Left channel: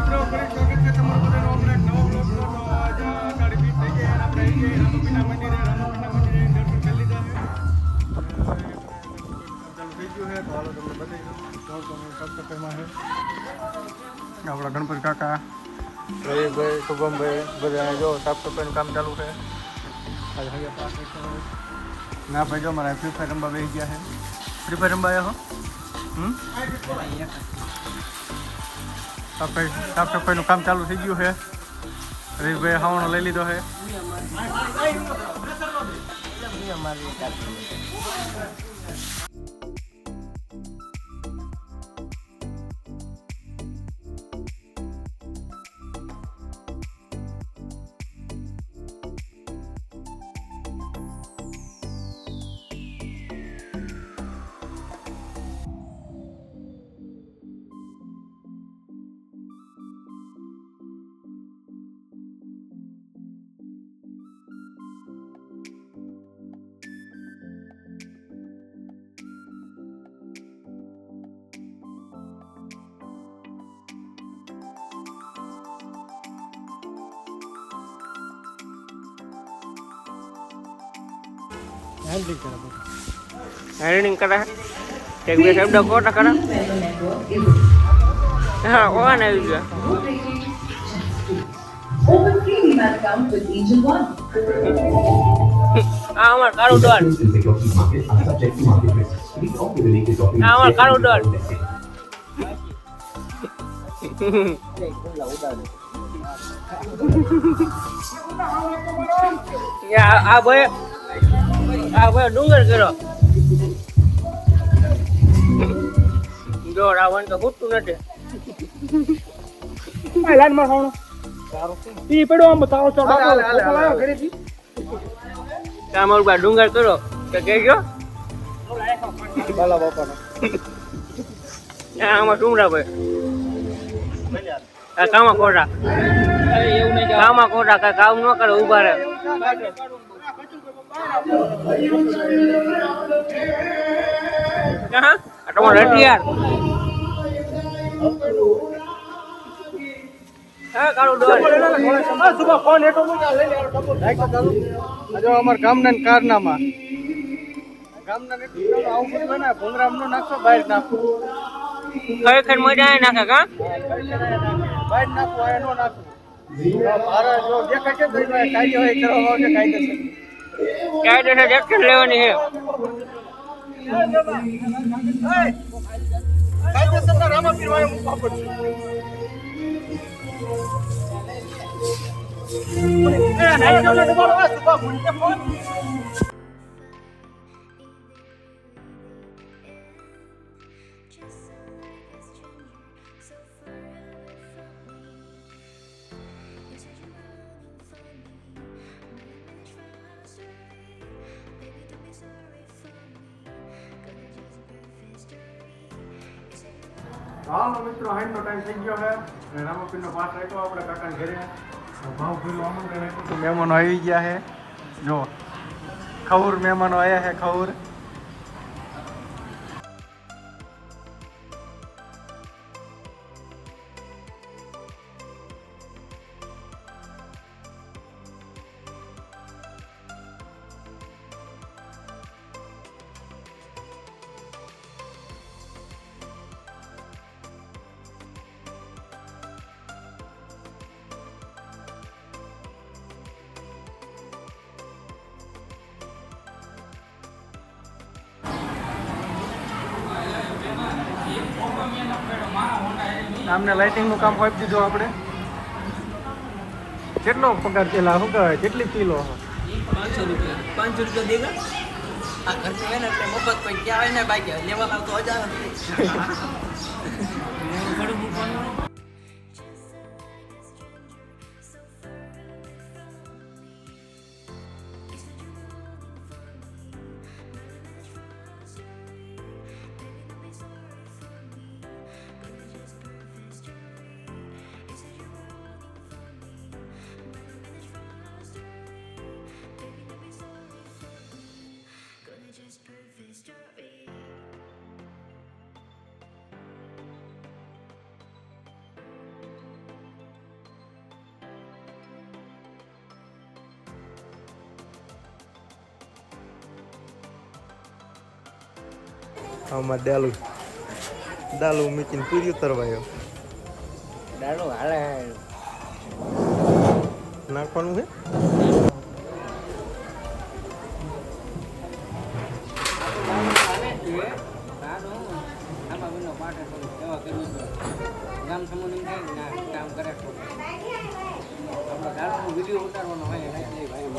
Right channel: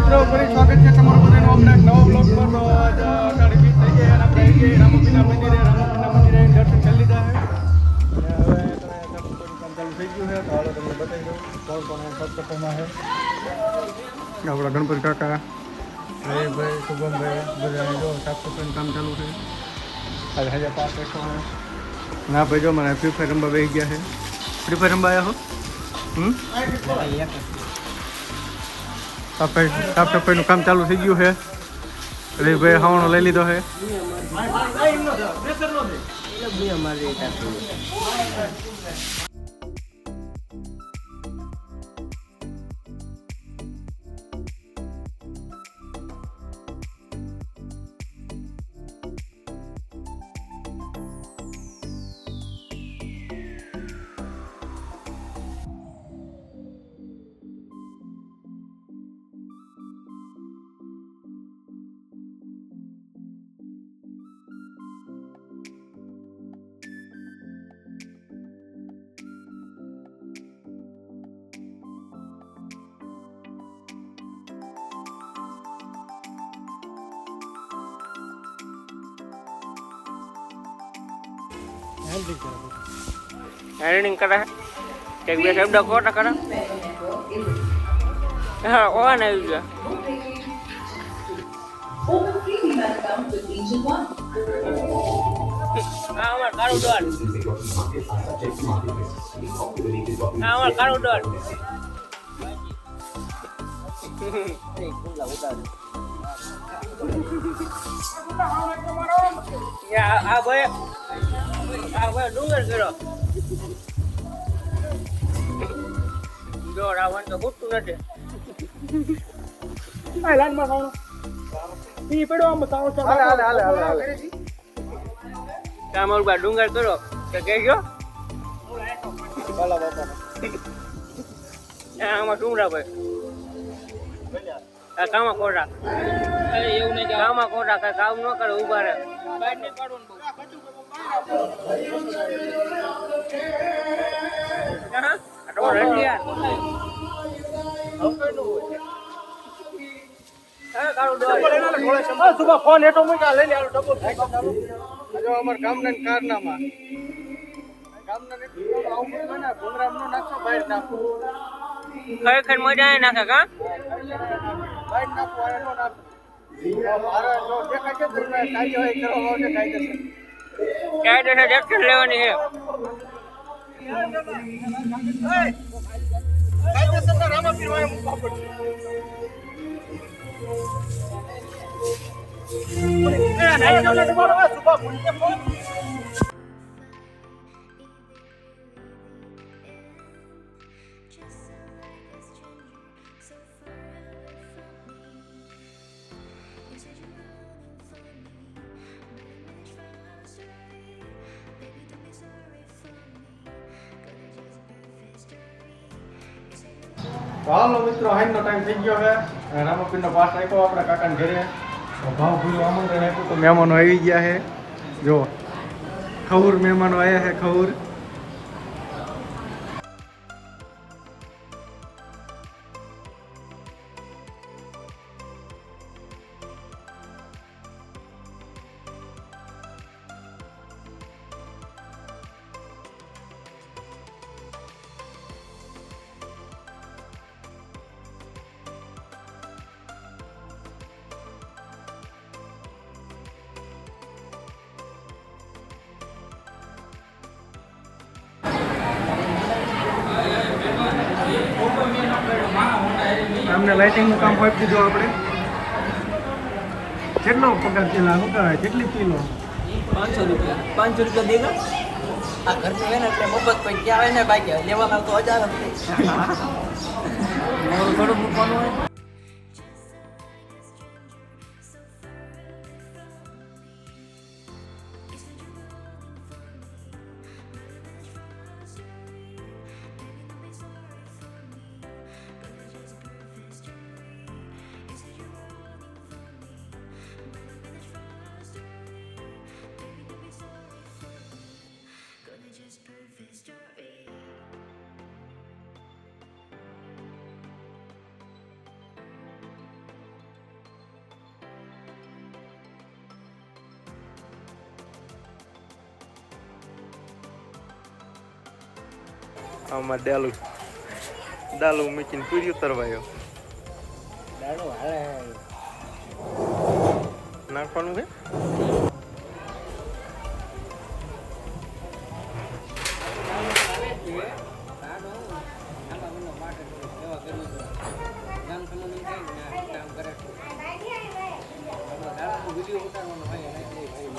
મિત્રો ફરી સ્વાગત છે તમારું બધાનું હમણાં એક નવો બ્લોગમાં. તો આજે આગળ રીપીટ થઈ ગયા અને આપણે આવી ગયા રામાપીરના મંદિરે દર્શન કરી લીધા છે અને હવે કામ ચાલુ થઈ ગયું છે. તો હવે તમને બતાવી દઉં કોણ કોણ સત્સંગમાં છે. આપણા ગણપતિ કાકા, રવિભાઈ, શુભમભાઈ બધા જો સાફ સફાઈનું કામ ચાલુ છે. આજે હજાર પાંચ ના ભાઈ જો મારા ફ્રી ફાયર રમવા બેસી ગયા છે. ફ્રી ફાયર રમવા આવ્યા હો? સાફ સફાઈનું કામ ચાલુ થઈ ગયું છે. રવિભાઈ હાવણો લઈ લીધો છે. હેરનિંગ કરે એક બે શબ્દ કોટા કરે હા ઓન આવી ગયા આ અમાર કાળું ડોલ આ અમાર કાળું ડોલ આ ભાઈ ડુંગર કર્યો જો રાવણ તો ફૂટતું નથી લાઈન માં ખાવણો ઈ પડો આમ બતાવો છો અમારું બા ડુંગર કર્યો તો કહેજો બાલા બાપાનો આમાં ડુંગરા ભાઈ આ કામા કોટા એવું નહીં કામા કોટા કઈ કામ ન કરે ઉભા રહે તમારે રટિયાર હા કાળું ડોલ ફોન એટો મૂકા લઈ લે ડબો ઢાકા ચાલુ જો અમાર ગામના કારનામાં ગામના ને આવું બધું ને ભોંગરામ નો નાખો બહાર નાખો ખરેખર મજા આવે નાખે કા બહાર નાખો એનો નાખો મારા જો દેખાય છે તો કાઈ હોય કરવા માટે કાયદેસર એક્શન લેવાની છે કાયદેસર રામાપીર વાય મૂકવા પડશે હાલો મિત્રો હાઈનો ટાઈમ થઈ ગયો છે અને રામાપીરનો પાસ આપ્યો આપણે કાકાને ઘરે ભાવ ભૂલો આમંત્રણ આપ્યું તો મહેમાનો આવી ગયા છે જો ખવૂર મહેમાનો આવ્યા છે ખવૂર આમને લાઇટિંગનું કામ આપી દીધું આપણે કેટલો પગાર પેલા શું કહેવાય કેટલી કિલો 500 રૂપિયા દેગા આ ઘરનું હોય ને એટલે મફત કોઈ ક્યાં આવે ને બાકી લેવાના તો 1000 મોરું ઘણું મૂકવાનું હોય આમાં ડાલું મૂકીને પૂરી ઉતરવાયો દાડો હાલે નાખવાનું છે. ગામ સમૂહ કામ કરે આપણે વિડીયો ઉતારવાનો હોય એટલે ભાઈ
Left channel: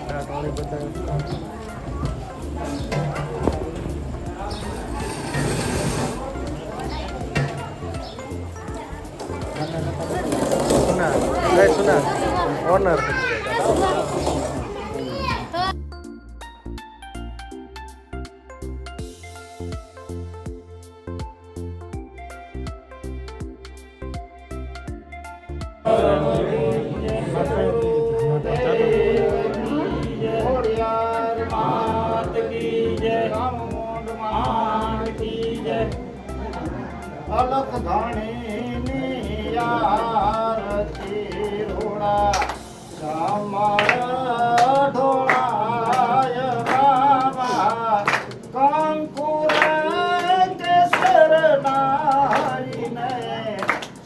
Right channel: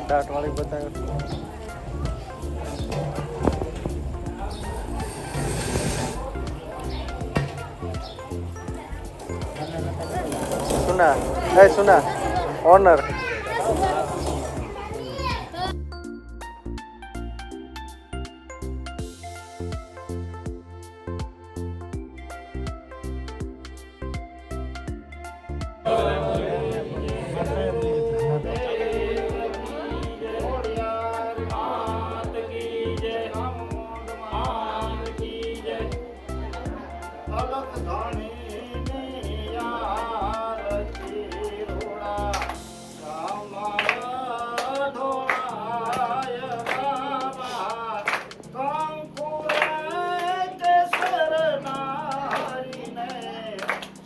ટાટવાળી બતાવ્યો સુના ઓનર અલખ ધણી આરતી રોડા અમારા ઢોળાય બાબા કંકુર કેસર નારીને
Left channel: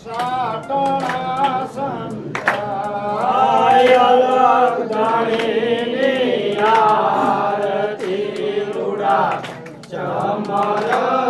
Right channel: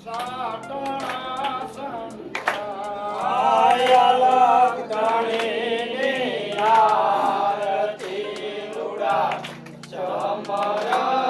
સાટણા સંતાય અલખ ધણી આરતી રોડા ચમરા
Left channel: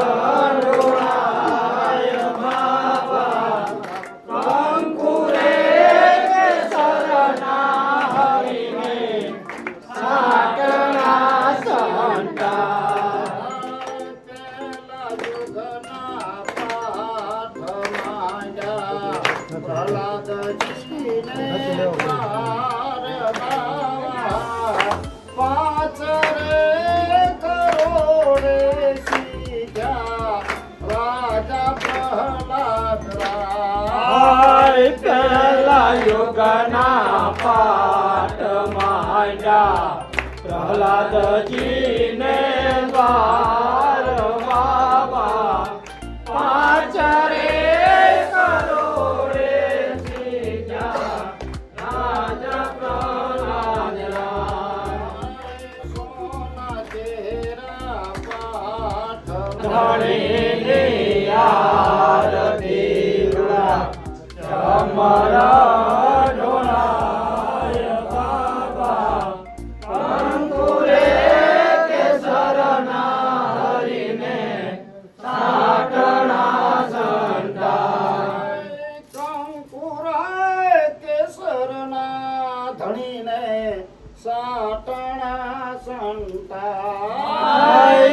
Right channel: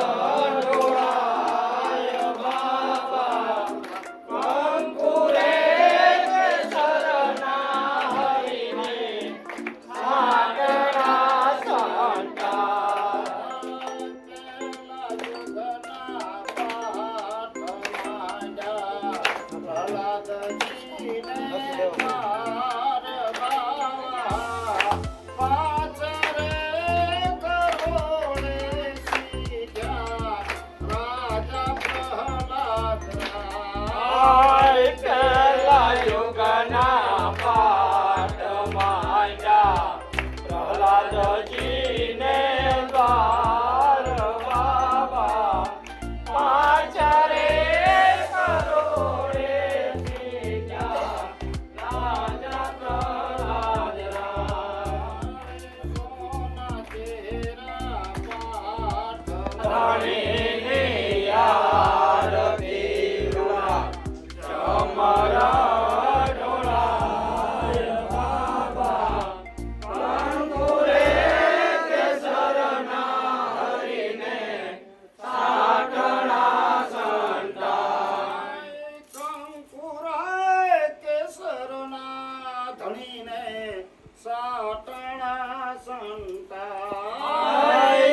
સાટણા સંતાય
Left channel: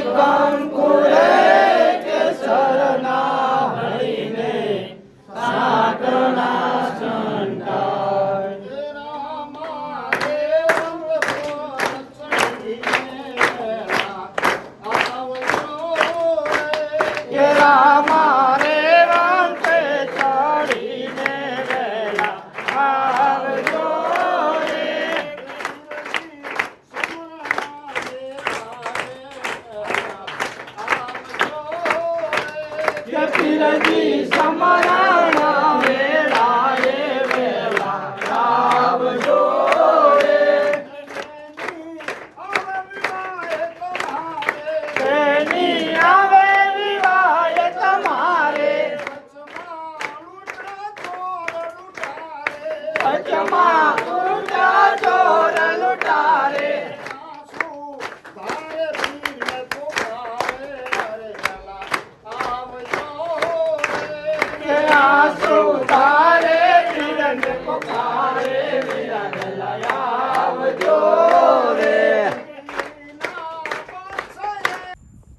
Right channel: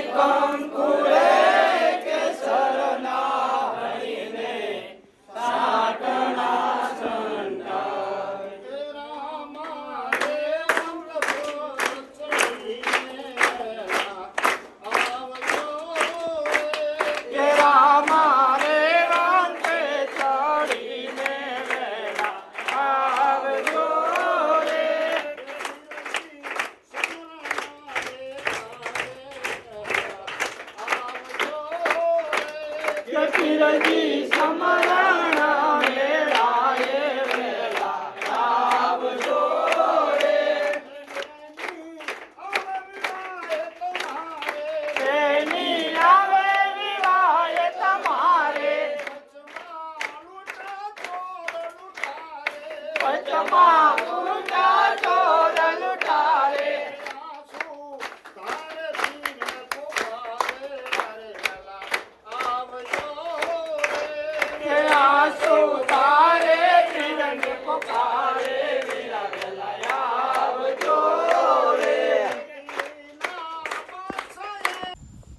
કંકુરે કેસરના હણીને સાટણા સંતાય રામા દેવ આવજો રામા દેવ ચડીને આવજો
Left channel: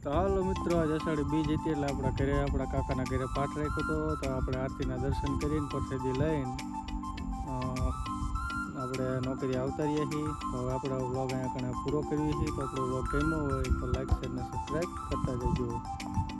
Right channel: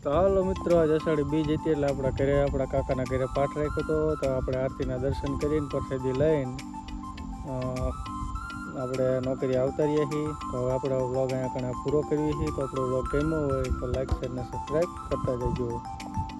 તો હાલો મિત્રો, આજ અષાઢી બીજ હતી એટલે આપણા ઘરે આપણા કાકાના ઘરે પાઠ રાખ્યો હતો. તો આપણે આરતીના દર્શન કરીને પ્રસાદી લઈને આપણે નોકરી આવતા રહ્યા છીએ. તો હવે આપણો વ્લોગ અહીંયા કણે પૂરો કરીએ છીએ. તો આપણો વ્લોગ ગમ્યો હોય તો લાઈક શેર અને સબસ્ક્રાઈબ કરતા જજો.